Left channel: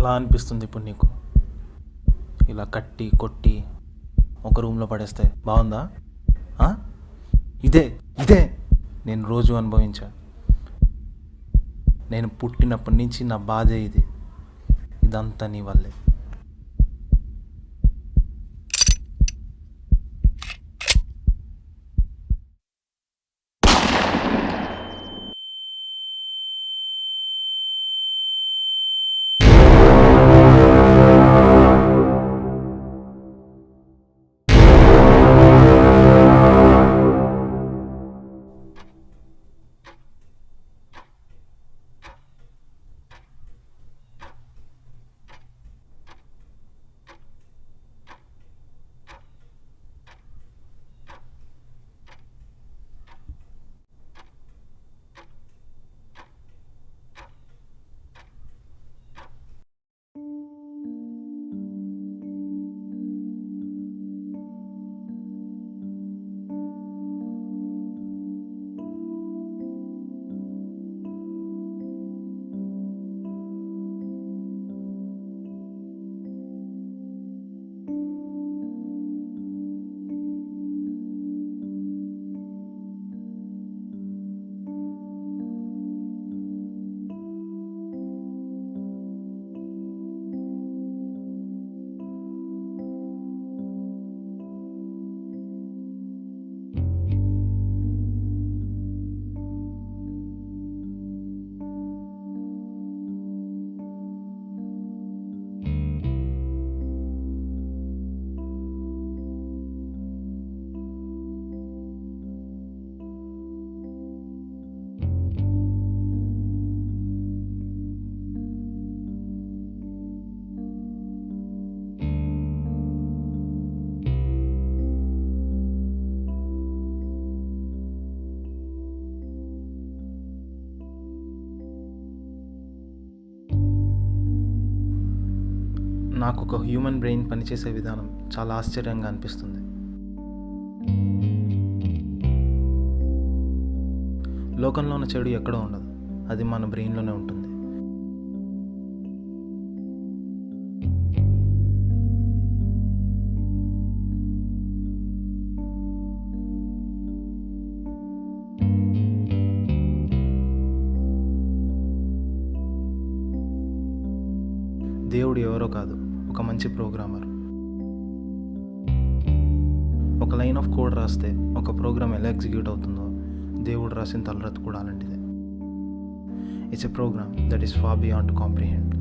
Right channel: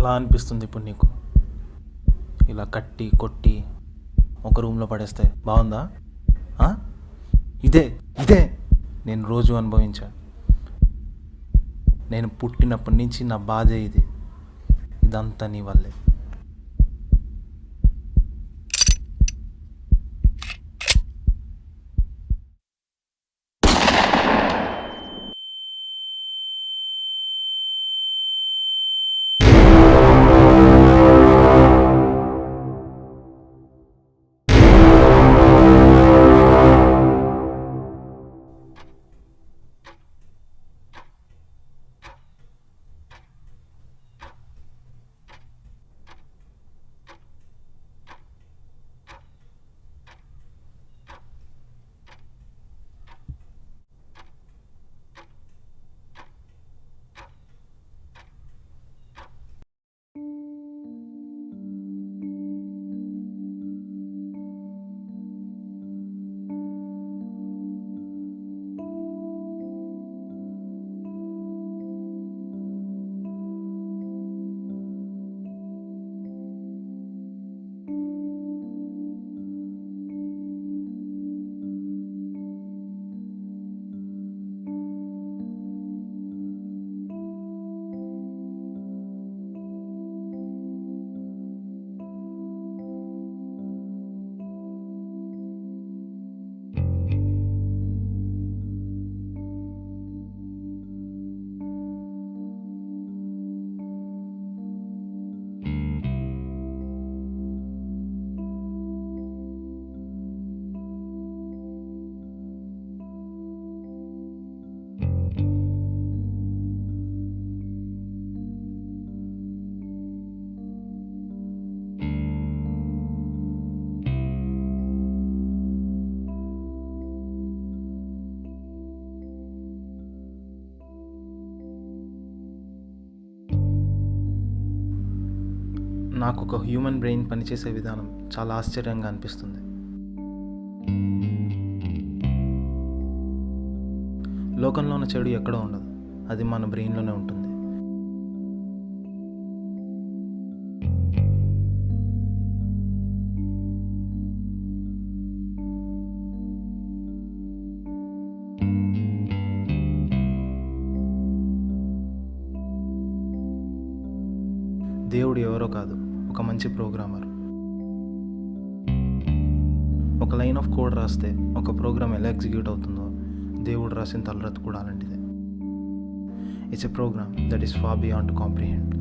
ఎలా అనిపిస్తుంది ఇప్పుడు నీకు? ఇలా కట్టి కొట్టి ఒక రూమ్లో పడేస్తే బాగుందా? ఇదే ఇదే నేను రోజు అనుభవించా. నేను పుట్టినప్పటి నుంచి నా బాధే ఇది. ఇదంతా నీ వల్లే. నాకు ఒక హ్యూమన్ బ్రెయిన్ పనిచేసే విధానం చాలా ఆశ్చర్యంగా అనిపిస్తుంది. లోకంలో ఉన్న చెడు ఎక్కడో ఉండదు, అది మన బ్రెయిన్లోనే ఉంటుంది. దేవుడు ఎవరో కాదు, ఒక మంచి ప్రోగ్రామర్. ఒక లైన్ ఆఫ్ కోడ్ రాస్తే ఒక ప్రోగ్రామ్ ఎలా ఎగ్జిక్యూట్ అవుతుందో దేవుడు రాసిన తలరాత కూడా అలాంటిదే. It's a program that is far beyond to comprehend.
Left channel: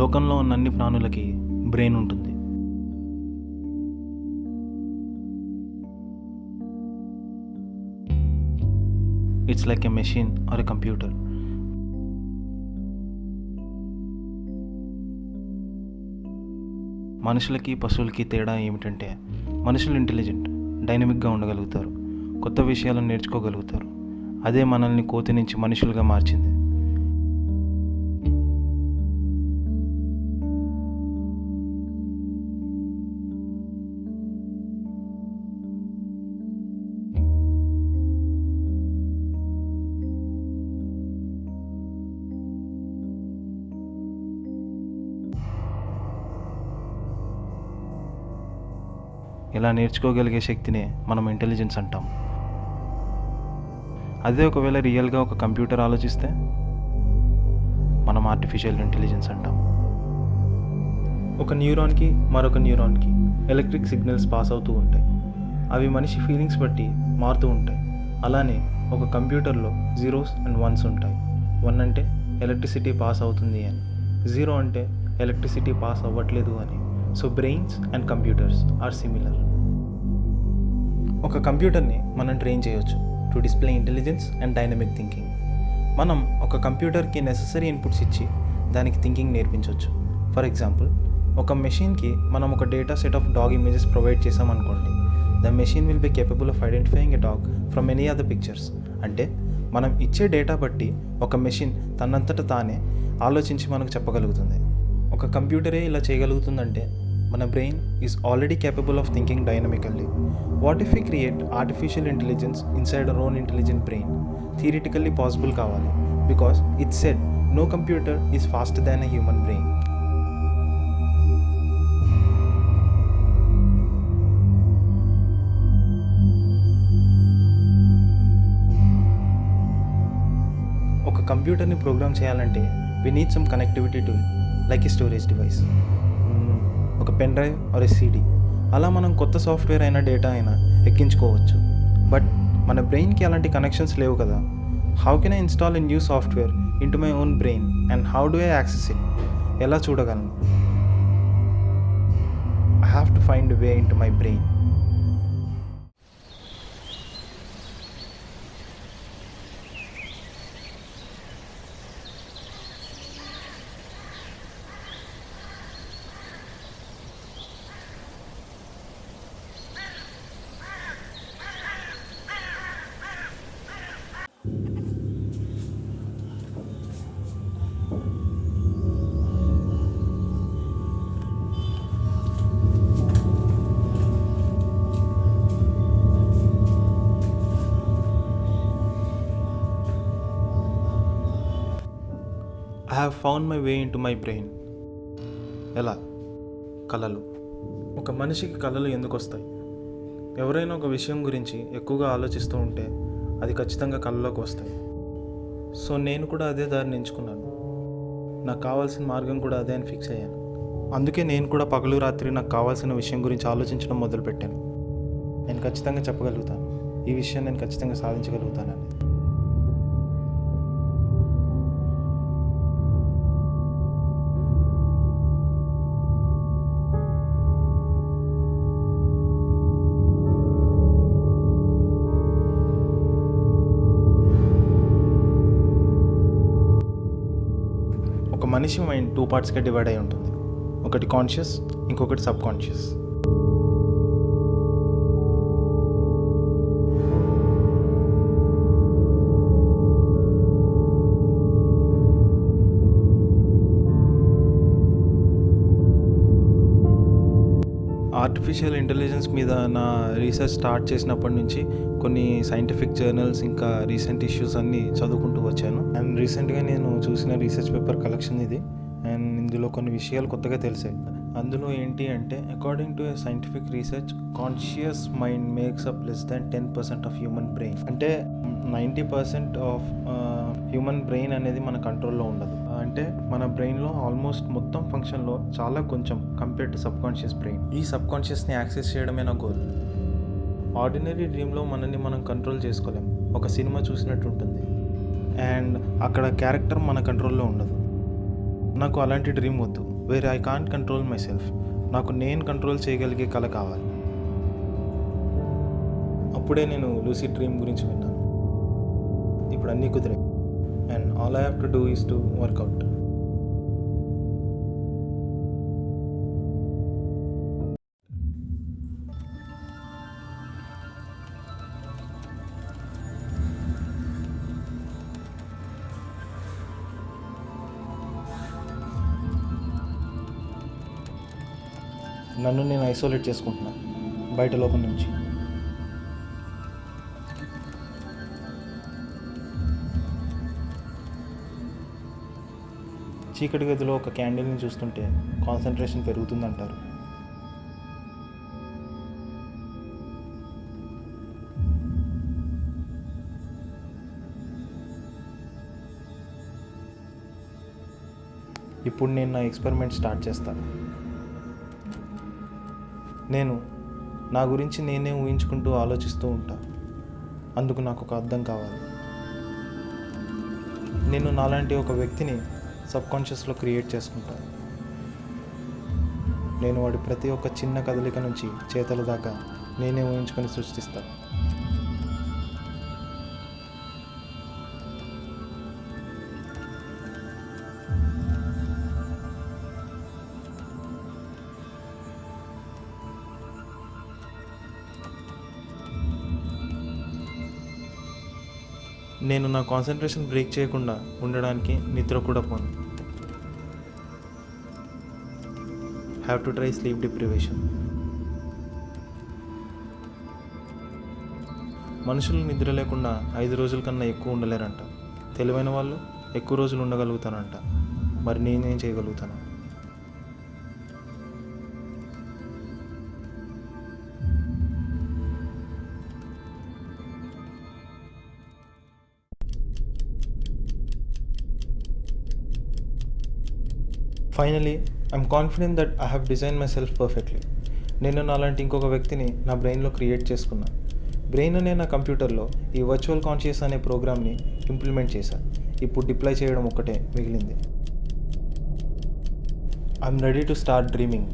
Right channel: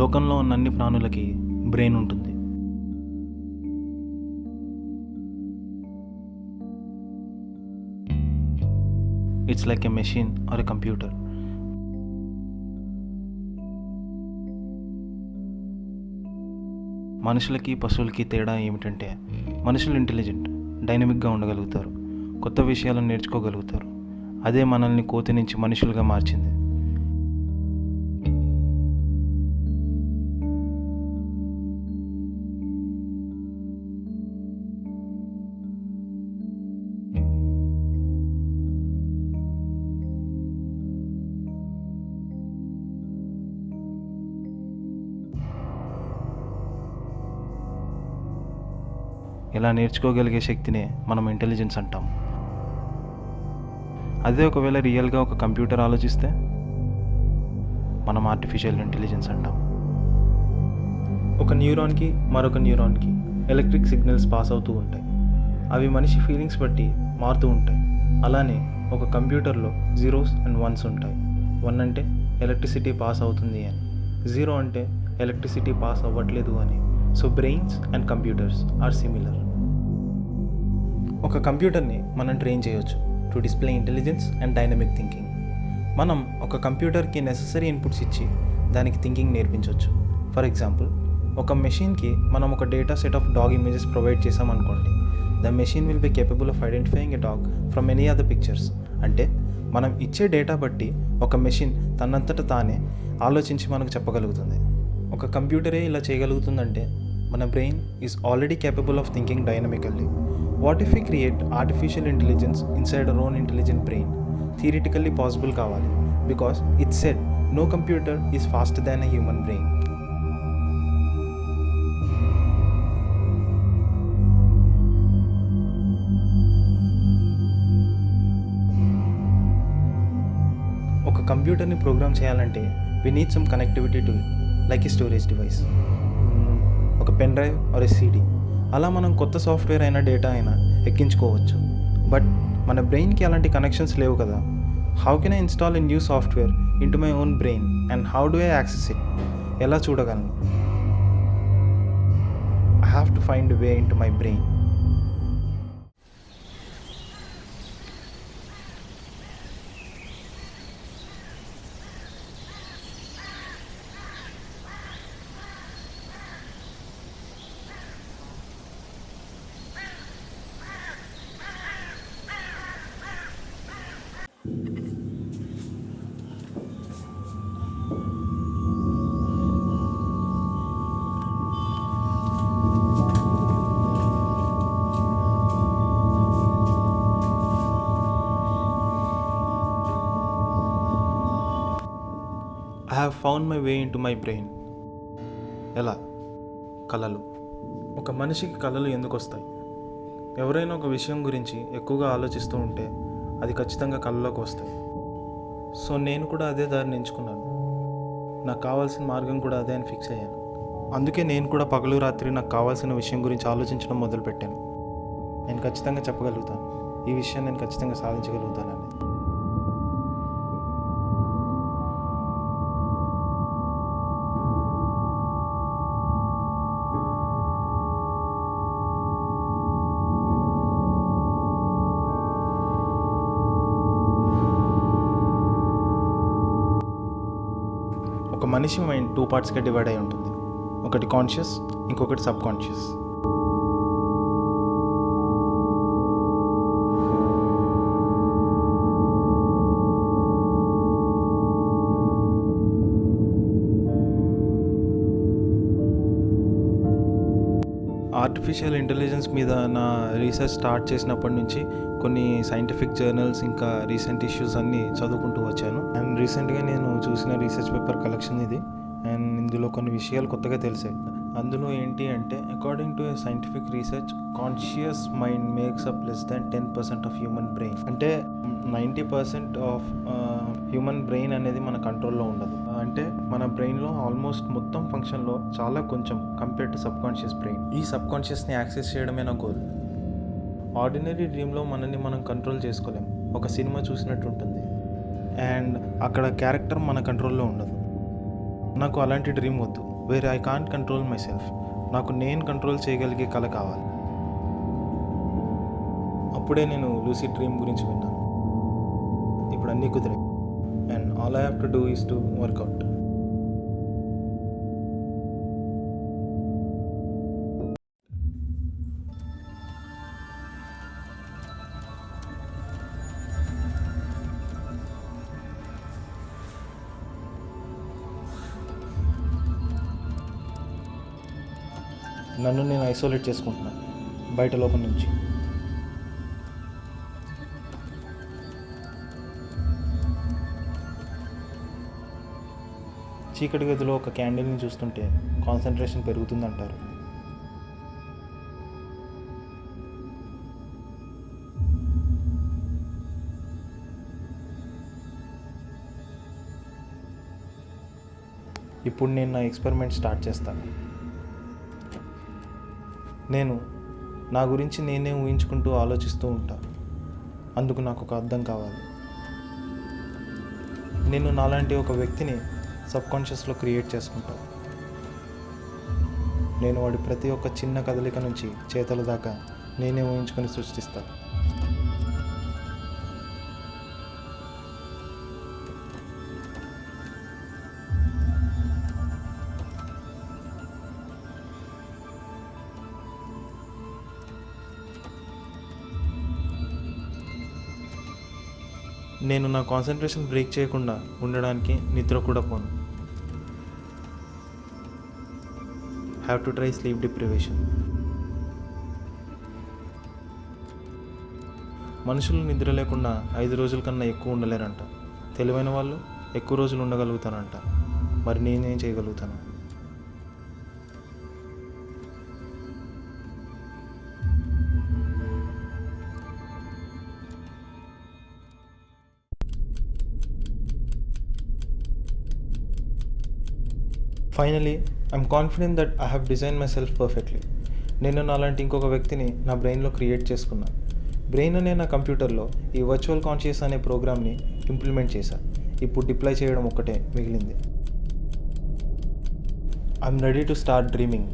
లోకంలో ఉన్న అన్ని ప్రాణులకి బ్రెయిన్ ఉంటుంది. It's like a machine or a computer. మనుషులకి పశువులకి తేడా ఏమిటంటే, మనుషులు ఇంటెలిజెంట్, డైనమిక్గా ఉండగలుగుతారు, కొత్త విషయాలను నేర్చుకోగలుగుతారు. అదే మనల్ని కోతి నుంచి మనుషులుగా మార్చింది. ఇలా నేర్చుకోగలిగే శక్తినే మనం ఇంటెలిజెన్స్ అంటాం. అదే ఒకవేళ రియల్గా ఒక కంప్యూటర్ ఆలోచిస్తే మనం ఆర్టిఫిషియల్ ఇంటెలిజెన్స్ అంటాం. ఒక న్యూరాన్కి మరొక న్యూరాన్కి ఎలక్ట్రిక్ సిగ్నల్స్ పాస్ అవుతూ ఉంటాయి. అవి మనిషి ఫీలింగ్స్ బట్టి మారుతూ ఉంటాయి. అలానే ఒక కంప్యూటర్లో జీరోస్ అండ్ వన్స్ ఉంటాయి. 1 అంటే ఎలక్ట్రిసిటీ పాస్ అవుతుంది అని, 0 అంటే ఎలక్ట్రిసిటీ పాస్ అవ్వట్లేదు అని. So brains and computers are similar. ఒక కంప్యూటర్ని మనం ట్రైన్ చేయొచ్చు to display intelligence and dynamic thinking. మనం ఒక కంప్యూటర్కి నెససరీ ఇన్పుట్స్ ఇచ్చి దానికి థింకింగ్ నేర్పించవచ్చు. ఫర్ ఎగ్జాంపుల్, ఒక మెషిన్కి మనం ఒక data set of dog images provide చేసామనుకోండి. The machine will be capable of identifying a dog from any other pictures. అంటే మనం ఇచ్చే డేటా బట్టి ఒక మెషిన్ తనంతట తానే ఆలోచించి మనకు చెప్పగలుగుతుంది. ఒక కంప్యూటరే ఇలా చేయగలుగుతుందంటే మన brain is already capable of thinking dynamically. What if we create artificial intelligence inside our own intelligent brain? Theoretically possible కావాలి, because it said no computer is faster than a human brain. ఒక కంప్యూటర్ని program చేయాలంటే we need some connectivity to like a storage device, ఒక pen drive or a CD. అలా మనం కొత్త software అయినా data అయినా ఎక్కించుకోవచ్చు. బట్ మన బ్రెయిన్కి అలాంటి కనెక్షన్స్ లేవు కదా. How can I install a new software in to my own brain and how do I access it? ఎలా చూడగలను? I have to find way in to my brain. I have found my way in to my brain. ఎలా? కళలు. ఒక మనిషికి కళలు ఎందుకు వస్తాయి? ఎవరైనా ఒక విషయం గురించి ఎక్కువగా ఆలోచిస్తూ ఉంటే అది ఖచ్చితంగా కళలోకి వస్తాయి. సో నేను కూడా అదే దారిని ఎంచుకున్నాను. నాకు కావాల్సిన మార్గం కూడా అదే అని ఫిక్స్ అయ్యాను. అందుకే నేను కూడా పగలు రాత్రి నాకు కావాల్సిన విషయం గురించి ఆలోచించడం మొదలుపెట్టాను. నేను ఖచ్చితంగా చెప్పగలుగుతాను, ఈ విషయం నేను ఖచ్చితంగా సాధించగలుగుతానని. ఒక మనిషి మైండ్ 2 పార్ట్స్గా డివైడ్ అయి ఉంటుంది. ఒకటి కాన్షియస్, ఇంకొకటి సబ్ కాన్షియస్. ఆర్టిఫిషియల్ ఇంటెలిజెన్స్ మీద నా రీసెర్చ్ స్టార్ట్ చేసినప్పటి నుంచి కొన్ని సైంటిఫిక్ జర్నల్స్ ఇంకా రీసెంట్ ఇష్యూస్ అన్నీ చదువుకుంటూ వచ్చాను. అండ్ రీసెంట్గా నేను చూసిన రీసెర్చ్ పేపర్ కలెక్షన్ ఇది. అండ్ ఇందులో కొన్ని విషయాలు కొత్తగా తెలిసాయి. అందులో ఏంటి అంటే, according to A scientific research, conscious mind makes up less than 10% of human brain. అంటే 90% ఆఫ్ హ్యూమన్ బ్రెయిన్ అనేది మన కంట్రోల్లో ఉండదు. అంటే మన బ్రెయిన్లో ఆల్మోస్ట్ మొత్తం ఫంక్షన్లో చాలా కొంచెం compare to sub conscious brain. ఈ సబ్ కాన్షియస్ని యాక్సెస్ చేయడమే నా గోల్. ఆర్డినరీ డ్రీమ్లో మనల్ని మనం కంట్రోల్ చేసుకోలేం. ఒక సినిమా చూసినట్టు ఉంటుంది అండ్ అక్కడ క్యారెక్టర్ మన కంట్రోల్లో ఉండదు. నాకు అలాంటి డ్రీమ్ వద్దు, where I can't control my self. నాకు నేను కంట్రోల్ చేయగలిగే కళ కావాలి. అప్పుడే నేను లూసిడ్ డ్రీమ్ గురించి విన్నాను. ఇప్పుడు అన్నీ కుదిరాయి and all I have to do is to work out. నన్ను నేను ఐసోలేట్ చేసుకుంటున్నాను బయట లోపల నుంచి. చీకటి గదిలో ఒక క్యాండిల్ని చూస్తుంటే కాన్సన్ట్రేషన్ పెరుగుతుందంటారు. ఇప్పుడు నేను నా ఎక్స్పెరిమెంట్ స్టార్ట్ చేస్తాను. నేను నా గురించి నేనే ఊహించుకుంటూ ఆలోచిస్తూ ఉంటాను. అందుకు నాకు ఒక అర్థం కావాలి. నేను నాలాంటి ఒక వ్యక్తిని సబ్కాన్షియస్లో క్రియేట్ చేసుకుంటాను. నేను వాడి ప్రతి ఒక్క చిన్న కదలిక నుంచి చేతల దాకా నేనే ఊహించుకొని సృష్టిస్తాను. నేను నా కాన్సన్ట్రేషన్ బ్రేక్ చేయకుండా ఉండడానికి నిద్ర కూడా పోను. Have to try sleep deprivation. మనుషులు నిద్ర లేకుండా 5 రోజుల కన్నా ఎక్కువ ఉండలేరంట. తెలివైన వాళ్ళు ఎక్కువ రోజులు ఉండగలుగుతారంట. మరి నేనేం చేయగలుగుతాను? Finally I'm confident that I have design my self perfectly. నేను నాలాంటి ఇంకొక వ్యక్తిని నా బ్రెయిన్లో క్రియేట్ చేసుకున్నాను. బ్రెయిన్ అనే నా కంప్యూటర్లో ఈ వర్చువల్ కాన్షియస్ అనే ప్రోగ్రామ్ని ఇంప్లిమెంట్ చేశాను. ఇప్పుడు డిప్లాయ్ చేయడం ఒక్కటే మిగిలింది. I'm ready to start dreaming.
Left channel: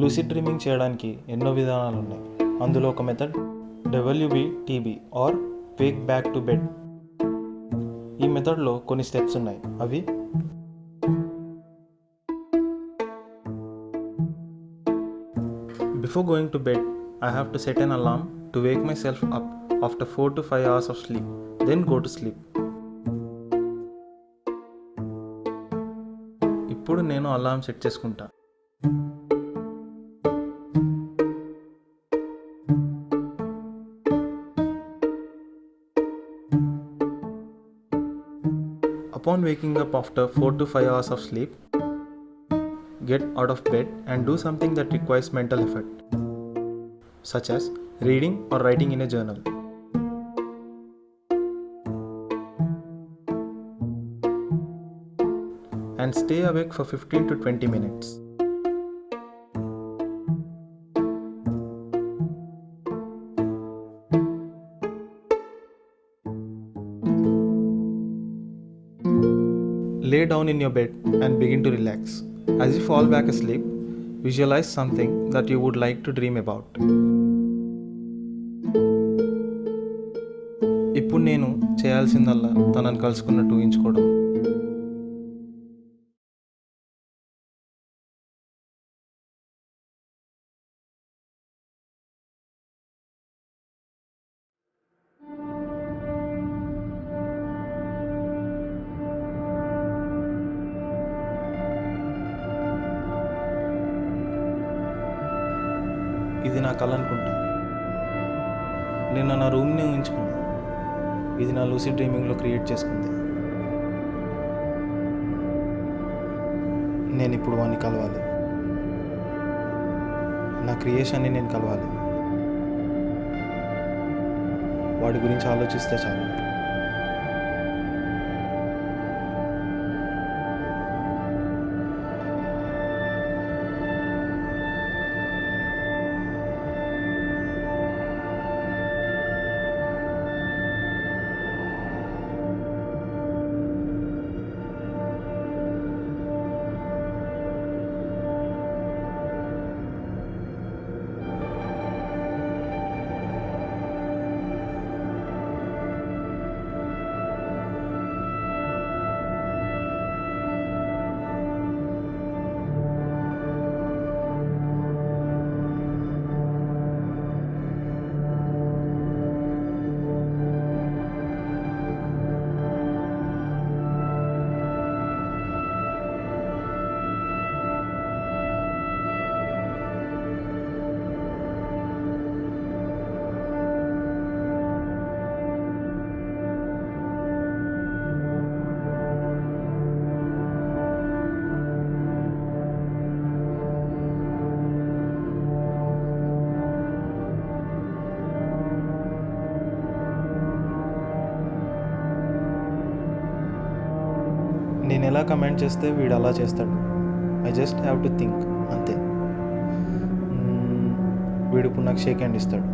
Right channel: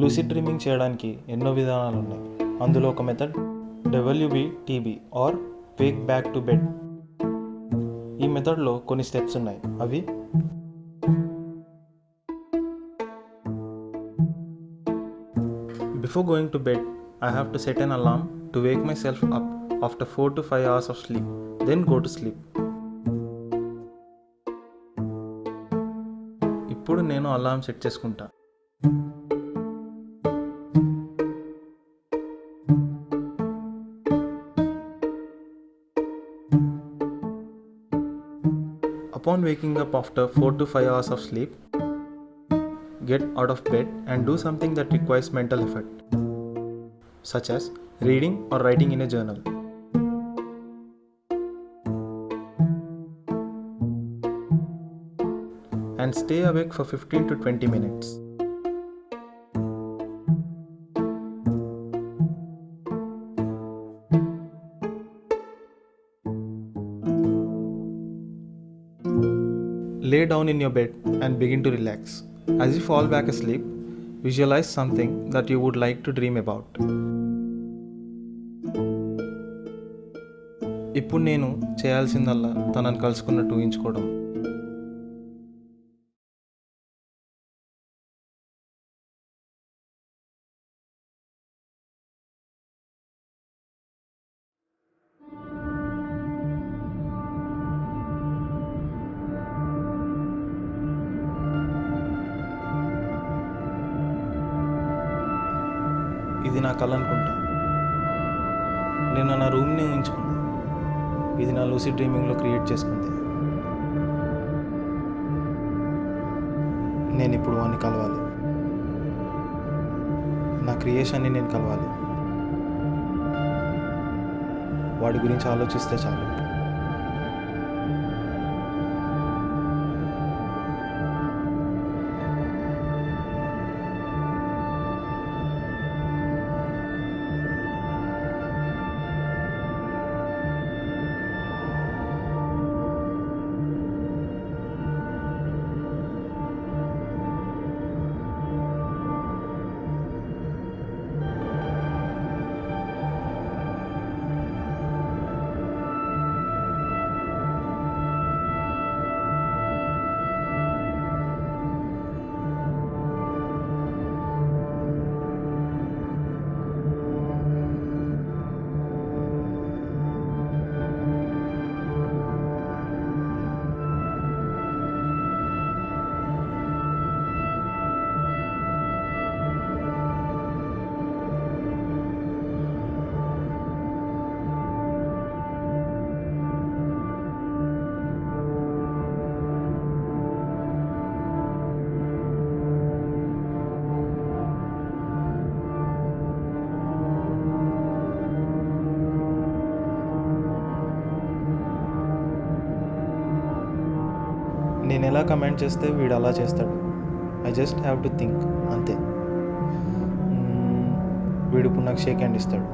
Lucid dreaming చేయడానికి ఎన్నో విధానాలు ఉన్నాయి. అందులో ఒక method WBTB or wake back to bed. ఈ మెథడ్లో కొన్ని స్టెప్స్ ఉన్నాయి. అవి: before going to bed I have to set an alarm to wake myself up after 4 to 5 hours of sleep, then go to sleep. ఇప్పుడు నేను alarm set చేసుకుంటా. Upon waking up after 4 to 5 hours of sleep, get out of bed and do something that requires mental effort, such as reading or writing in a journal. And stay awake for 15 to 20 minutes. Lay down in your bed and begin to relax. As you fall back asleep, visualize something that you would like to dream about. ఇప్పుడు నేను చేయాల్సిందల్లా తనని కలుసుకున్నట్టు ఊహించుకోవడం. ఇది నా కళ అనుకుంటా. నేను నా రూమ్ని ఊహించుకున్నా. ఇది నా లూసిడ్ డ్రీమింగ్లో క్రియేట్ చేసుకుంది. నేను ఇప్పుడు వాడిని కలవాలి. నా క్రియేషన్ని నేను కలవాలి. వాడి గురించి ఆలోచిస్తే చాలు. నేను ఎలా కమెంట్ చేస్తే వీడు అలా చేస్తాడు. I just have to think, అంతే. వీడు ఇప్పుడు నాకు షేక్ హ్యాండ్ ఇస్తాడు.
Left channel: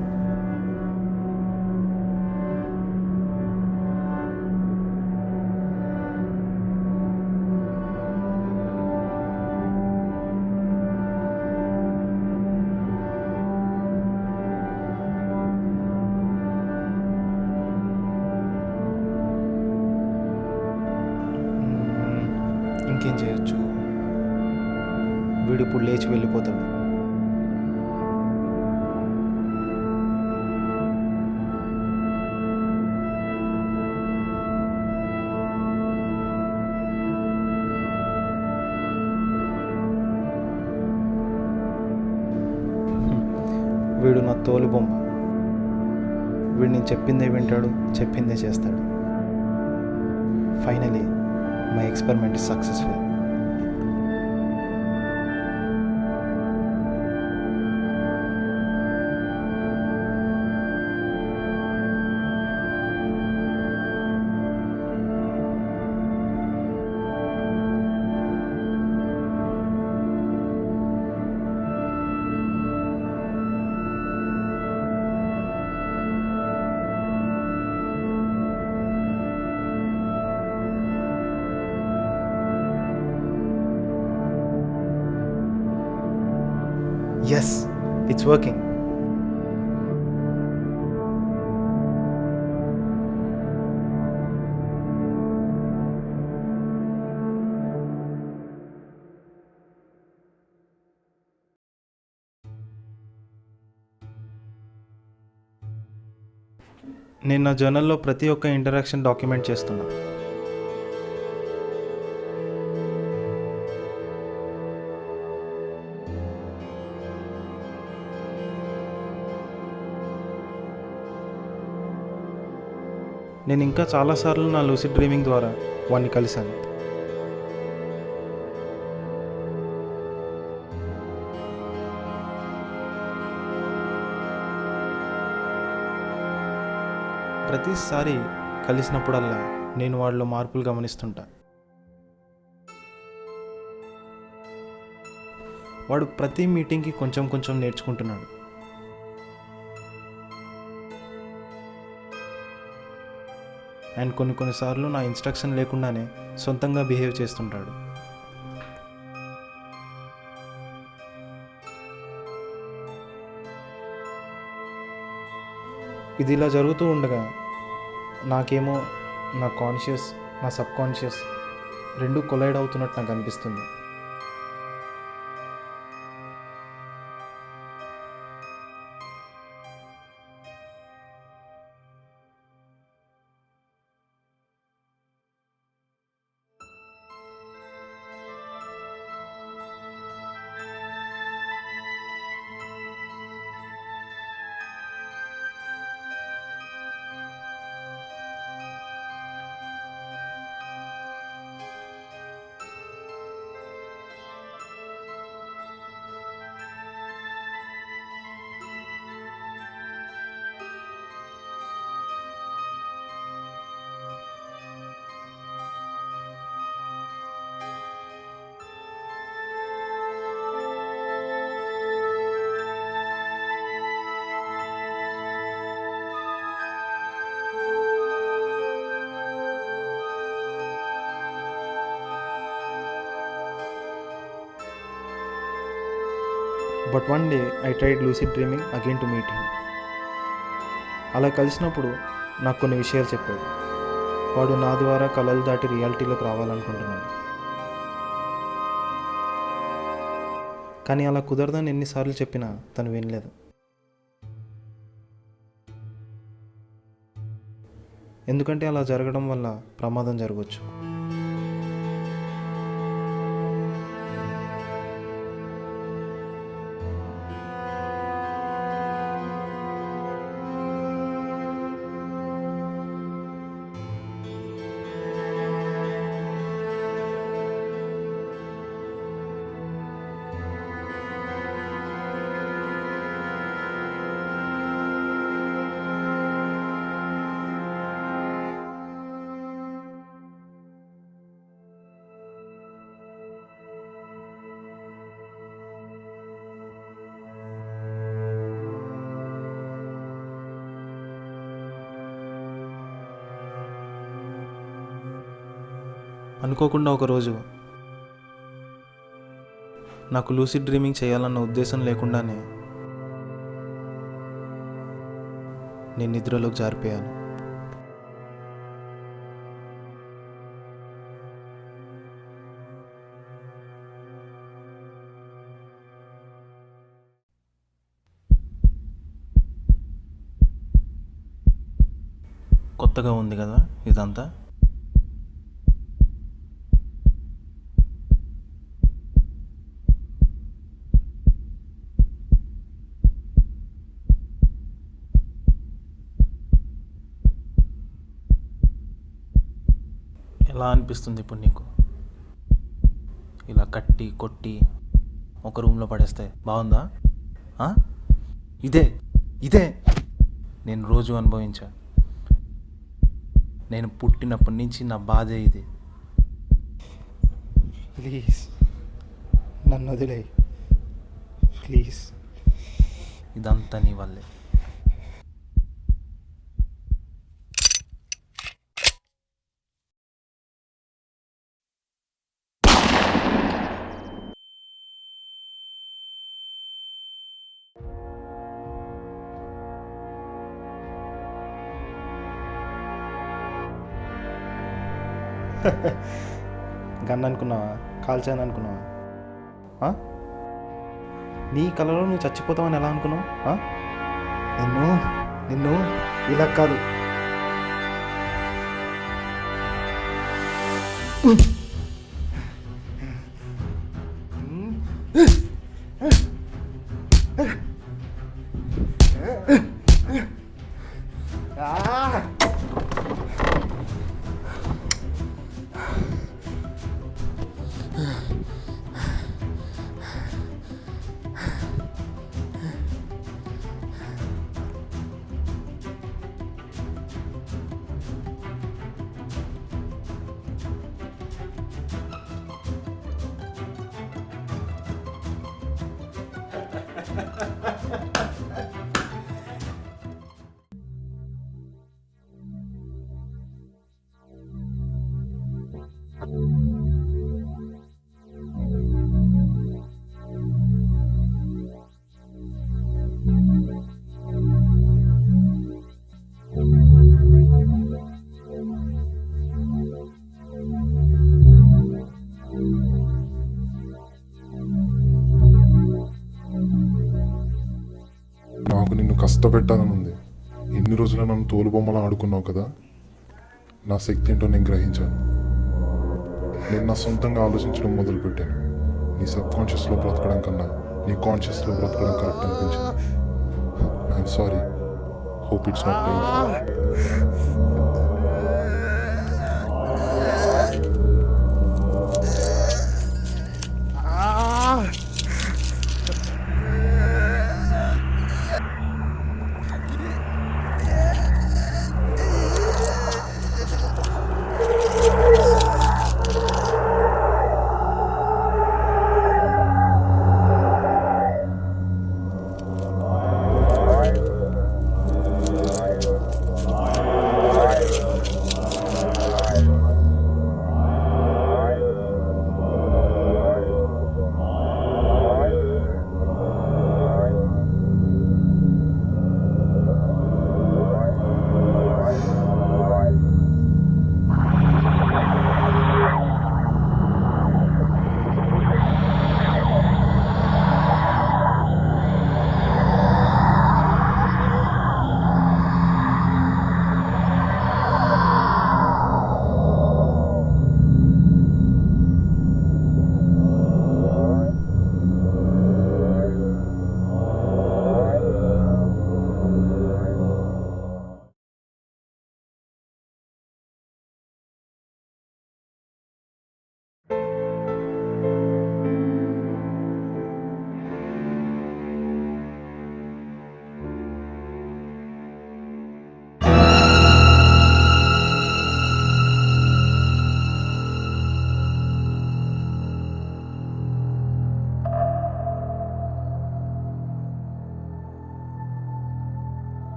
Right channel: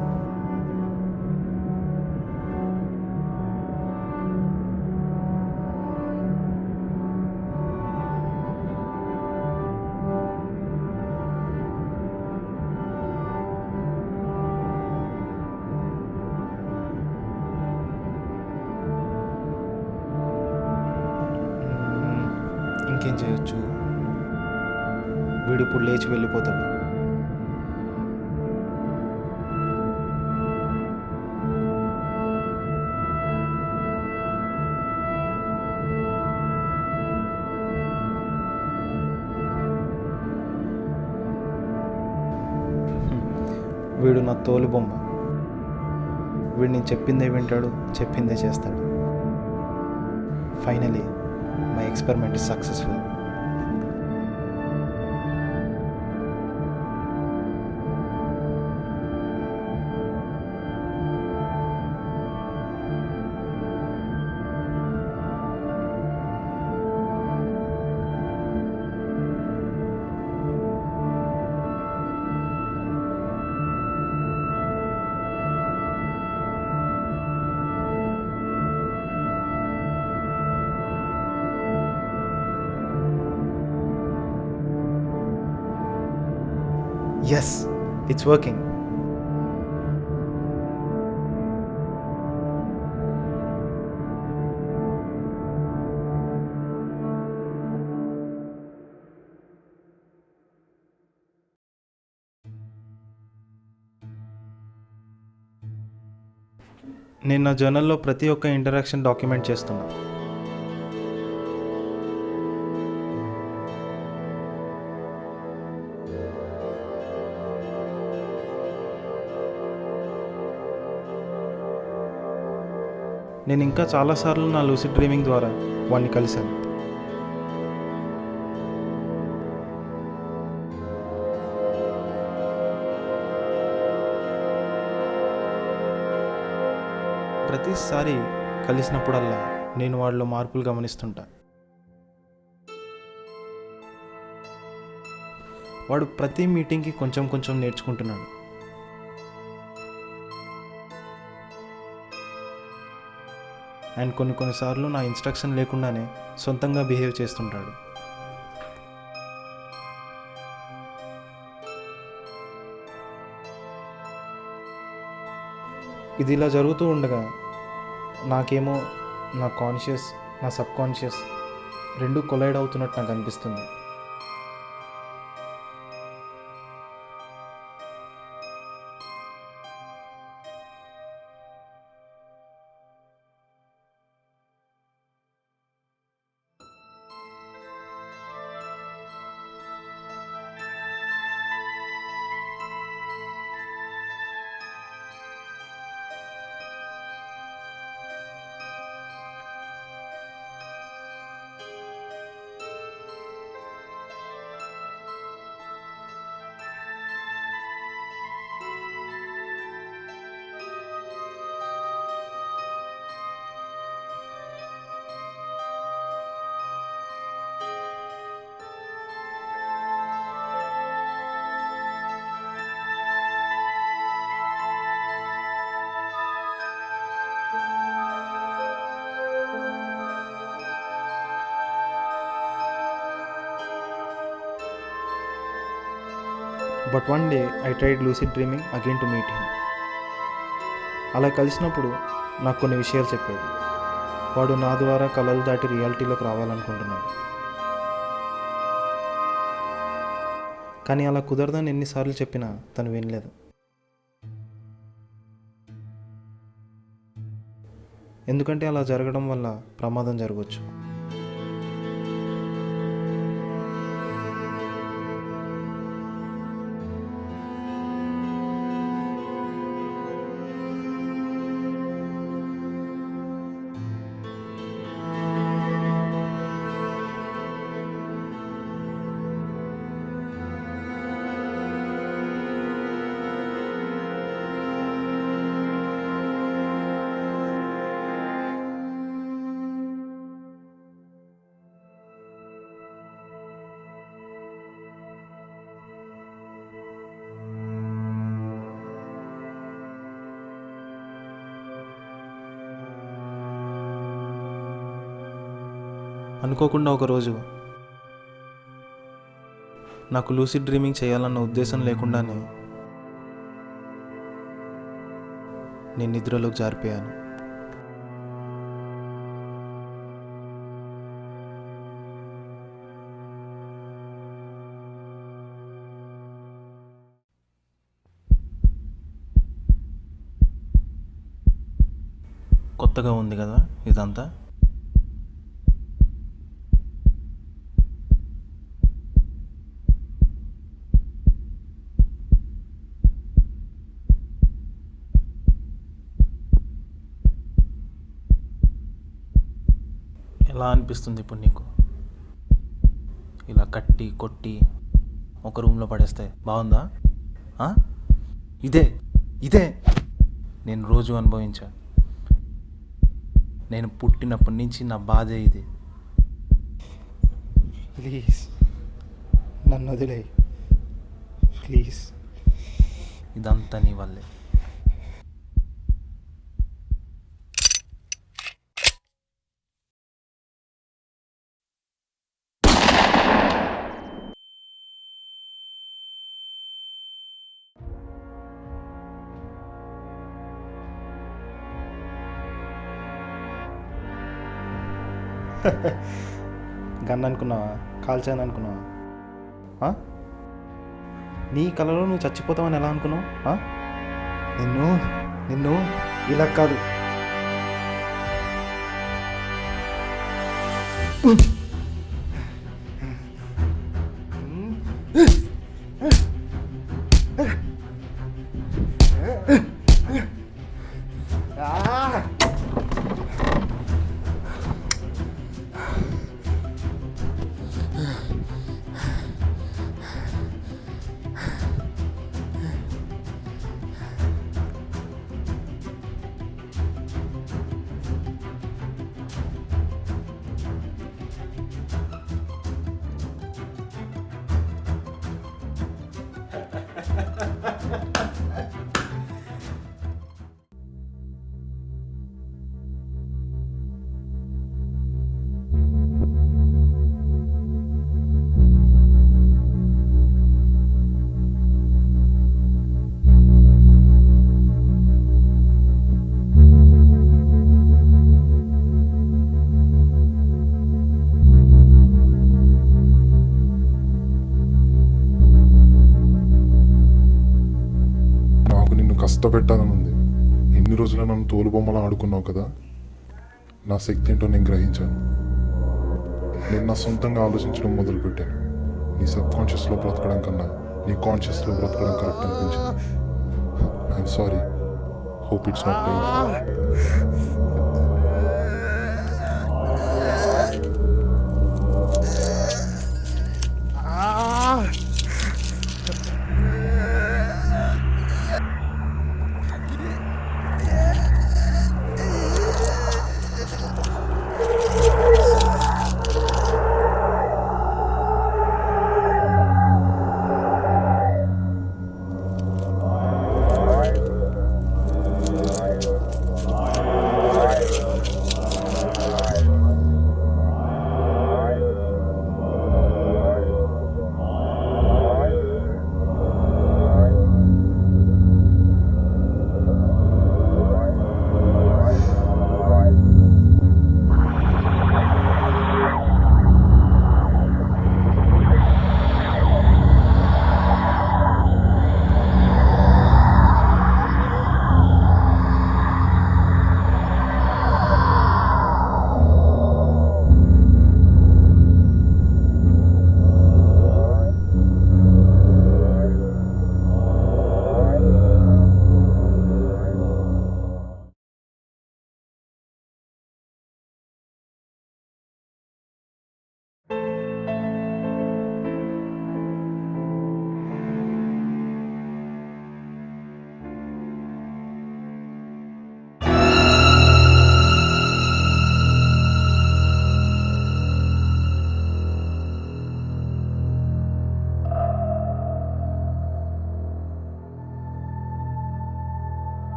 ఇంకేం చేయొచ్చు? వీడు ఇప్పుడు లేచి వెళ్ళిపోతాడు. వీడు నా తోలు బొమ్మ. వీడు నేను చెప్పిందే వింటాడు, చెప్పిందే చేస్తాడు. Finally my experiment is successful. Yes, it's working. నేను నా జర్నల్లో ప్రతి ఒక్క ఇంటరాక్షన్ డాక్యుమెంట్ చేస్తున్నా. నేను ఇంకా చాలాసార్లు నా లూసిడ్ డ్రీమింగ్ ద్వారా వాడిని కలిశాను. ప్రతిసారి కలిసినప్పుడల్లా నేను వాడిలో మార్పులు గమనిస్తుంటా. వాడు ప్రతి మీటింగ్కి కొంచెం కొంచెం నేర్చుకుంటున్నాడు. అండ్ కొన్నిసార్లు నా ఇన్స్ట్రక్షన్ లేకుండానే సొంతంగా బిహేవ్ చేస్తుంటాడు. ఇది ఇలా జరుగుతూ ఉండగా నాకేమో నా కాన్షియస్, నా సబ్ కాన్షియస్ రెండు కొలైడ్ అవుతున్నట్టు నాకు అనిపిస్తుంది. But one day I tried lucid dreaming again to meet him. అలా కలిసినప్పుడు నాకు కొన్ని విషయాలు చెప్పాడు. వాడు నా ద్వారా కలలు దాటి రియాలిటీలోకి రావాలనుకుంటున్నాడు. కానీ అలా కుదరదని ఎన్నిసార్లు చెప్పినా తను వినలేదు. ఎందుకంటే అలా జరగడం వల్ల ప్రమాదం జరగవచ్చు. అనుకోకుండా ఒకరోజు నాకు లూసిడ్ డ్రీమింగ్ చేయాలన్న ఉద్దేశం లేకుండానే నేను నిద్రలోకి జారిపోయాను. కొత్తగా ఉంది కదా ఇదంతా. ఎలా అనిపిస్తుంది ఇప్పుడు నీకు? ఇలా కట్టి కొట్టి ఒక రూమ్లో పడేస్తే బాగుందా? ఆ? ఇదే ఇదే నేను రోజు అనుభవించా. నేను పుట్టినప్పటి నుంచి నా బాధే ఇది. ప్లీజ్ నన్ను వదిలే, ప్లీజ్. ఇదంతా నీ వల్లే. గన్ అనుకున్నావా? కాల్చాను అనుకున్నావా? నీ కలలో నువ్వు చచ్చిపోతావని ఎలా అనుకున్నావు? నిన్ను నిన్ను ఇలా కాదు. నాకు నిన్ను కష్టపెట్టాలని ఉంది. ఎన్ని రోజులు నన్ను తోలుబొమ్మలా ఆడుకున్నావు కదా. నా శక్తి ఏంటో నేను గ్రహించాను. నేను నా సొంతంగా ఆలోచించడం మొదలుపెట్టాను. నీ సబ్ కాన్షియస్లో బ్రతకడం కన్నా నీ కాన్షియస్లో బ్రతకడం కరెక్ట్ అనిపించింది. I'm sorry. Hope it's not painful.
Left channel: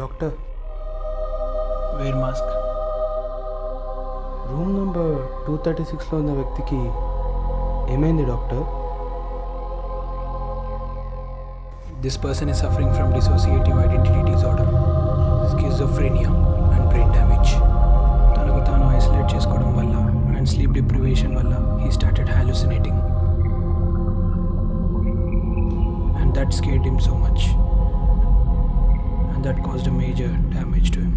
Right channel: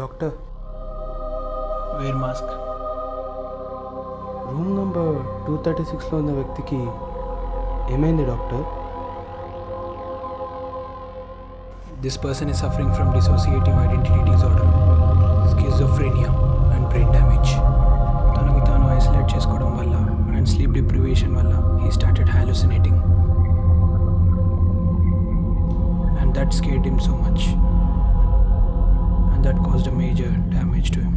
Doctor, wear mask. Room number 236లో ఉన్న వ్యక్తికి ఏమైంది doctor? This person is suffering from dissociative identity disorder, schizophrenia and brain damage. తనకు తాను ఐసోలేట్ చేసుకోవడం వల్ల అండ్ స్లీప్ డిప్రివేషన్ వల్ల he started hallucinating. And that scared him so much. And that caused a major damage to him.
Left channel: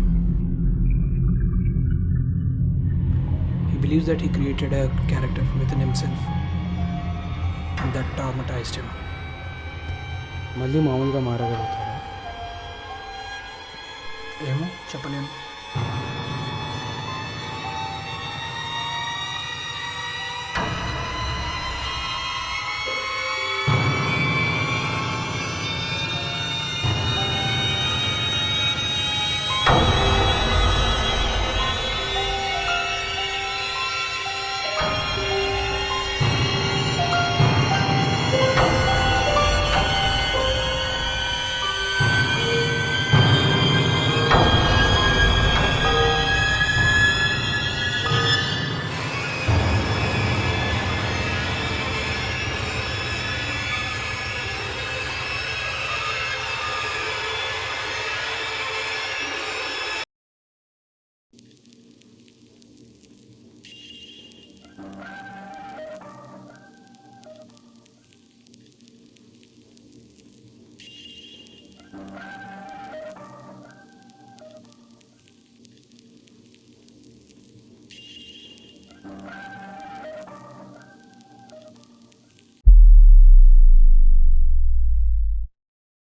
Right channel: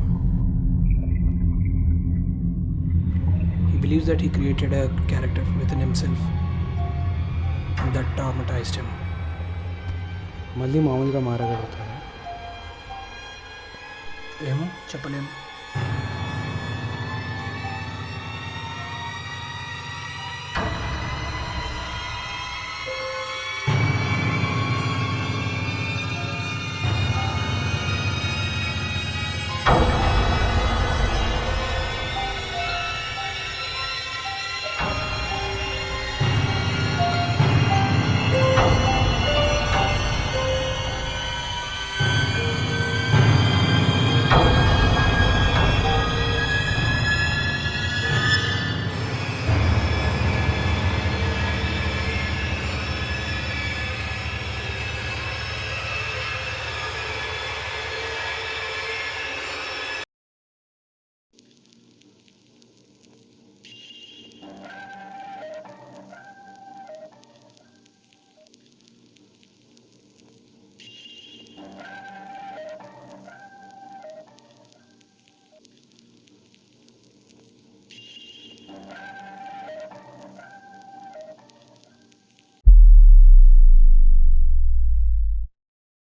He believes that he created a character within himself. And that traumatized him. మళ్ళీ మామూలుగా మారగలుగుతారా? ఏమో చెప్పలేము.